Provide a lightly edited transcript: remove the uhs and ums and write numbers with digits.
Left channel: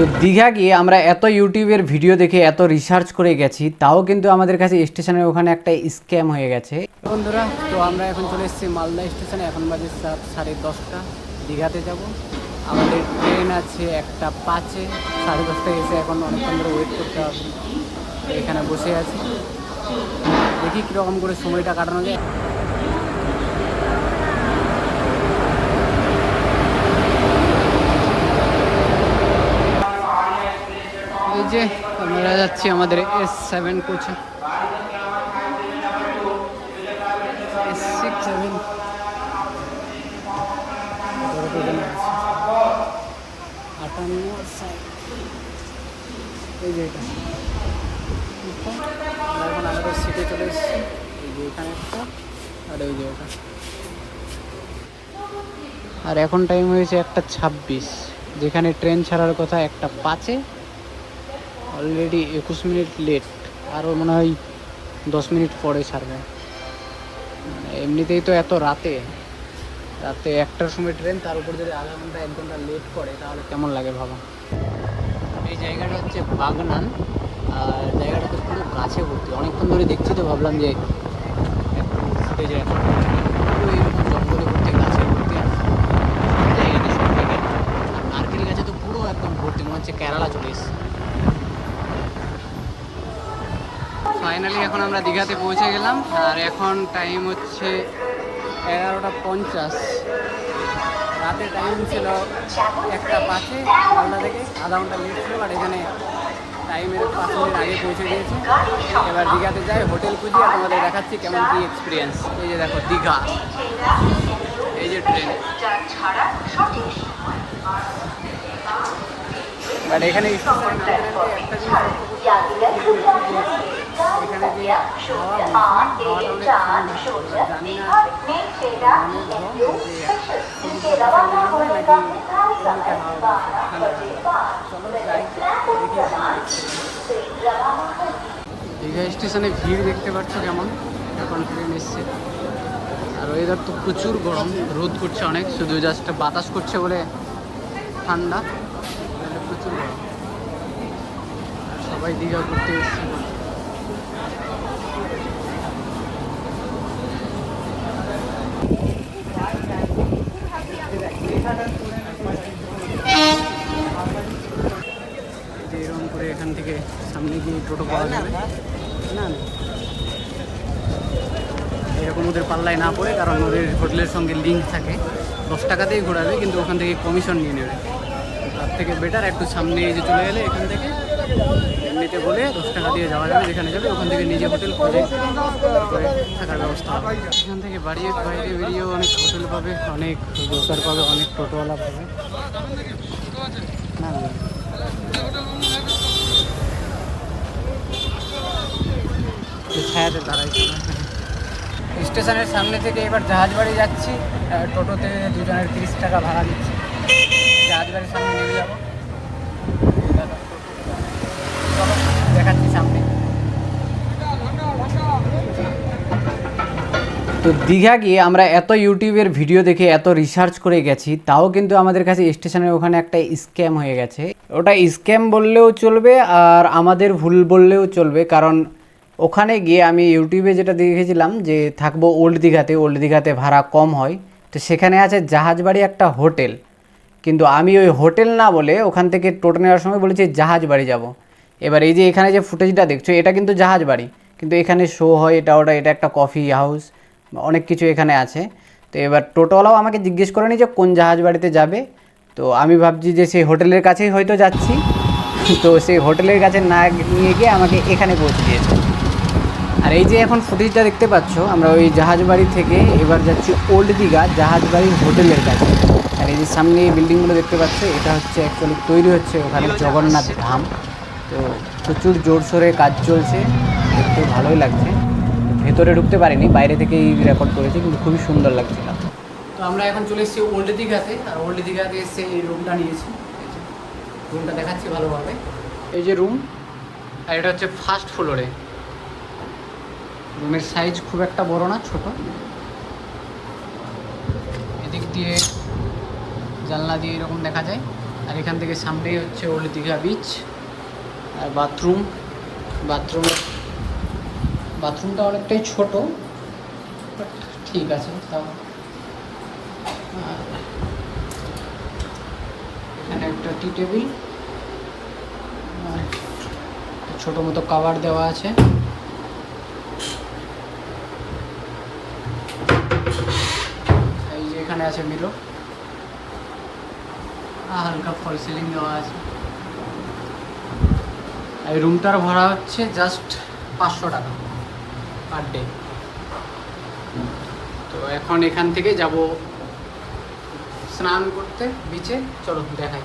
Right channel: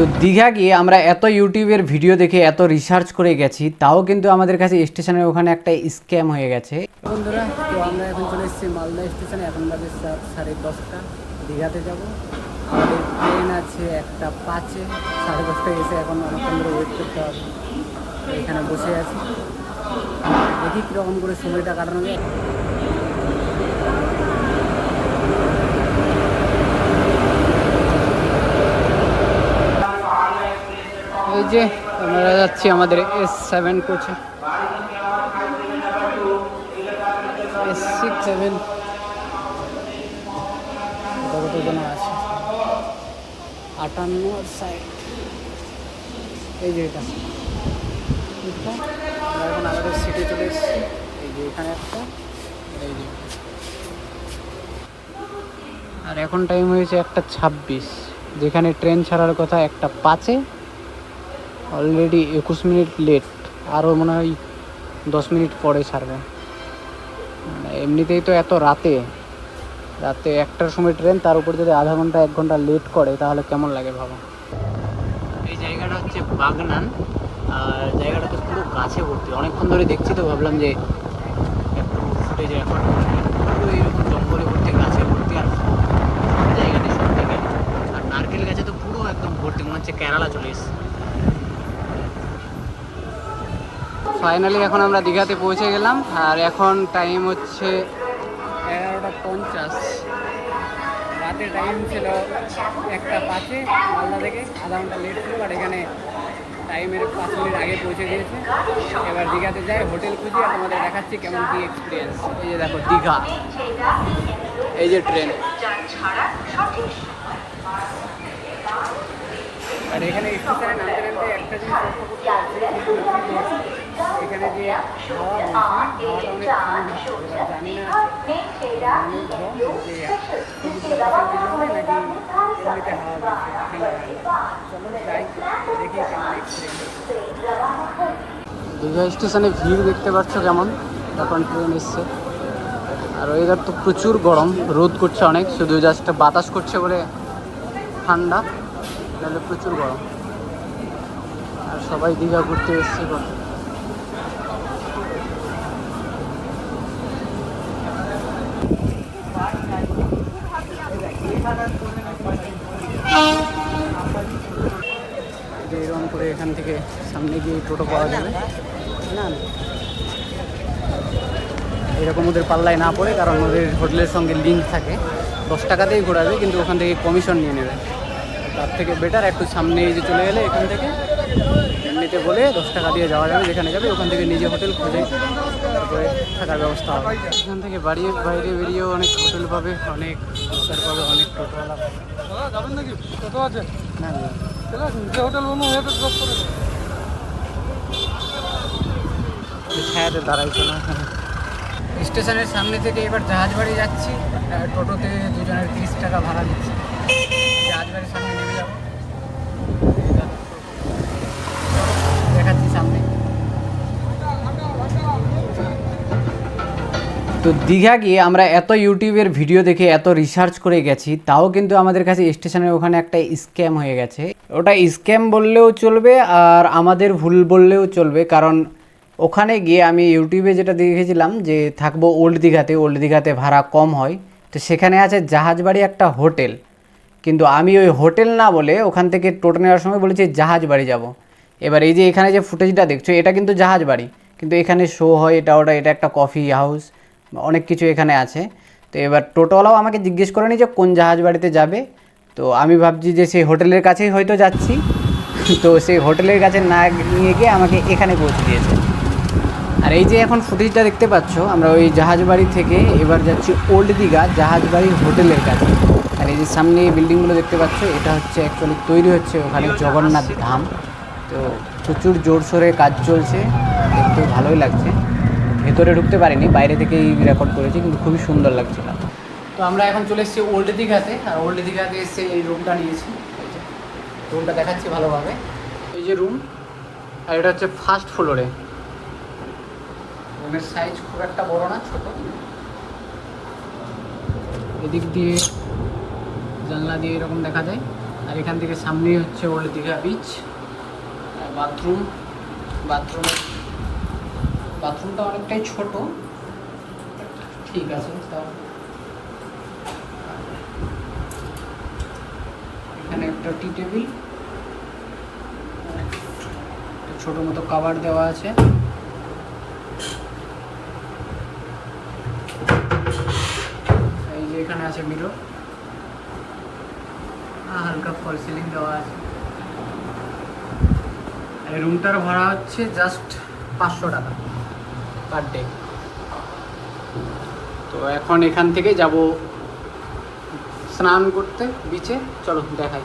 তো দীঘা গিয়ে আমরা এত ইউটিউবের ভিডিও দেখে এত রিসার্চ করে গেছি, তাও কিন্তু আমাদের কাছে স্টেশনের ওখানে একটা স্ক্যাম হয়ে গেছে বন্ধুরা। তো আমরা এখন চলে এসেছি মালদা স্টেশনে, এখন বাজে 10:30। দীঘাতে যাব। আমাদের ট্রেন আছে 1:05, 10:30টায় এসে এখন অনেকক্ষণ ধরে ওয়েট করতে হবে। তো এখানে বসে আছি, দেখি কীরকম করে সময়টা কাটানো যায়। এই যে আমরা যাচ্ছি আমাদের S7 কোচে, S6-7 আছে 58 সাইড। এই যে এটা আমরা এখন আমাদের সিটে চলে এসেছি। এই যে এখানে একটা, আর এই যে আর এখন টাইম হয়েছে 1:26, যেখানে ট্রেন ছাড়ার কথা 1:05-এ। অলরেডি 21 মিনিট লেট, আরও মনে হয় 10 মিনিট পরে ছাড়বে। মানে এমনিতেই তো এত রাতে 1টার সময় ট্রেন, তার উপর যদি আধা ঘন্টা 1 ঘন্টা লেট করে তাহলে কেমন লাগে ভাবো। এই জায়গাটা হচ্ছে বাগনান, আর জায়গাটা তো পুরো গাছে ভর্তি। অনেকক্ষণ ধরে দেখছি, তো ভাবলাম যে একটু ফুটেজ রেকর্ড করছি। পুরো এরকম জঙ্গলে ভর্তি, গাছে ভর্তি, আর জায়গাটি সব থেকে। আর নারকেল গাছে তো পুরো একদম ভর্তি, মনে হচ্ছে কেরালা চলে এসেছে। ফাইনালি এখন আমরা দীঘাতে পৌঁছে গেলাম, আর এখন টাইম হচ্ছে 11:50। রাতে টাইম ছিল 1:05-এ, মালদা থেকে আধা ঘন্টা লেট ছিল, বাট এখানে টাইমের 5 মিনিট আগে পৌঁছে দিয়েছে। এবার দীঘাতে যাই, হোটেল খুঁজি, আর তোমাদের দেখাচ্ছি কেমন কী এক্সপিরিয়েন্স। এই যে দেখো দীঘা, এই যে ট্রেন। আর এখানে স্টেশনে নামতে নামতে একটা জিনিস লক্ষ্য করতে পারছি, যে এখানে যে হাওয়া বলছে, হাওয়াটা অনেক ঠান্ডা। এবার জানি না অনেক গরম, যে সমুদ্র পাশের জন্য নাকি এমনিতে হাওয়া বলছে ঠান্ডা ঠান্ডা। চলো যাই, দেখি কেমন এক্সপিরিয়েন্স। দীঘা স্টেশনে ভিড় দেখতে পাচ্ছ কেমন, এখন ট্রেন এসছে। আর ওয়েদার তো প্রচুর গরম, রোদ করছে অনেক, শুধু জাস্ট বাতাস করছে বলে ঠান্ডা, তাহলে প্রচুর গরম। আর সবাই দীঘা ঘুরতে এসছে। যে এরকম করে এখান থেকে সামনে গিয়ে টোটো পাওয়া যাবে না, এরকম ওদের পাল্লায় না পড়ে, কারণ ওদের হোটেলের সঙ্গে লিঙ্ক থাকে। 10 টাকাতেই ঘোরাবে, কিন্তু ওখান থেকে কমিশন নিয়ে নেবে। তার থেকে বেটার একটু সামনে এই যে চলে গেলে এখান থেকে এমনিতে বলে 10 টাকা দিয়ে যাওয়া যাবে, যেখানে যাবে ওখান থেকে নিজে হোটেল খুঁজে তারপরে থাকার ব্যবস্থা হবে। এখান থেকে বাইরে বেরিয়েও অনেক হোটেল পাবে, অনেক রোজার পাবে, অনেক টোটোওয়ালা পাবে। না না ছায়াতে দাঁড়াইছিল এখানে। স্টেশনের সামনে থেকে এবার জাহাজবাড়ি যাচ্ছি, টোটোতে দুজনের 30 টাকা ভাড়া দিচ্ছি। জাহাজবাড়ির সামনে নেমে যাবো, চলো দেখাচ্ছি সামনে। তো দীঘা গিয়ে আমরা এত ইউটিউবের ভিডিও দেখে এত রিসার্চ করে গেছি, তাও কিন্তু আমাদের কাছে স্টেশনের ওখানে একটা স্ক্যাম হয়ে গেছে। ওটা স্ক্যাম বললেও চলবে, আর আমাদের ভুল বললেও চলবে, কারণ ওখানে গিয়ে আমি ইউটিউবে যেটা দেখেছিলাম যে থাকবো ওল্ড দীঘাতে ভাড়া কম হয়। তো সেখানে আছে জাহাজবাড়ি একটা হোটেল, কিন্তু আমি ওই হোটেল না বলে ওখান থেকে টোটো নেওয়ার সময় বলেছি জাহাজবাড়ি যাব। এবার এই যে এখানে যে ফুটেজটা দেখছো, এটা কিন্তু জাহাজবাড়ি, কিন্তু এখানে শো হয় এটা এটা একটা কফি হাউস, অনেক কিছু এখানে আছে। তো এবার টোটোওয়ালাও আমাকে জিজ্ঞেস করেনি যে কোন জাহাজবাড়িতে যাবে। তো আমি ভাবছি যে সেই হোটেলের কাছেই হয়তো যাচ্ছি, তো সেই হোটেলের কাছে না নিয়ে গিয়ে আমাকে এখানে পৌঁছে দিয়েছে। আর এই যে এখন ফুটেজটা দেখতে পাচ্ছ, আমরা ওই জাহাজবাড়ি থেকে এবার যাচ্ছি ওল্ড দীঘা জাহাজবাড়ির হোটেলের কাছে। আর এই যে সামনে এই বিল্ডিংগুলো দেখতে পাচ্ছ, এটা হচ্ছে অ্যাকচুয়ালি তৈরি হচ্ছে ওখানে জগন্নাথ ধাম। তো প্রচুর জোরসোরে কাজ চলছে, দেখতেও ভালোই লাগছে। ভেতরে ঢুকতে পারিনি, বাইরে থেকেই রেকর্ড করেছি, কিন্তু খুবই সুন্দর লাগছিল। তো আমরা এখন চলে এসেছি ওল্ড দীঘাতে, আর ওল্ড দীঘাতে এসে এই রুমটা নিয়েছি। রুমটা দেখাচ্ছি ভালোভাবে, এই যে রুম, আর এটা হচ্ছে ফার্স্ট ফ্লোরে। রুমের সাইজ খুব একটা বড় না, ছোট। এদিক দিয়ে জানলা দিয়ে এরকম দেখা যায়, আর এখান থেকে সামনেই হচ্ছে ওল্ড দীঘা বিচ। বাথরুম, বাথরুমটা অনেকটাই ছোট, ঠিক আছে। এখানে একটা টি টেবিল, ছোট মতো কভার দেওয়া আছে। এই যে এখানে আছে মিরর, হালকা ফল সিলিং দেওয়া আছে। এই রুমটার ভাড়া হচ্ছে জাস্ট 500 টাকা পার ডে। তো এখন এখান থেকে যাব স্নান করতে বিচে, চলো দেখাই।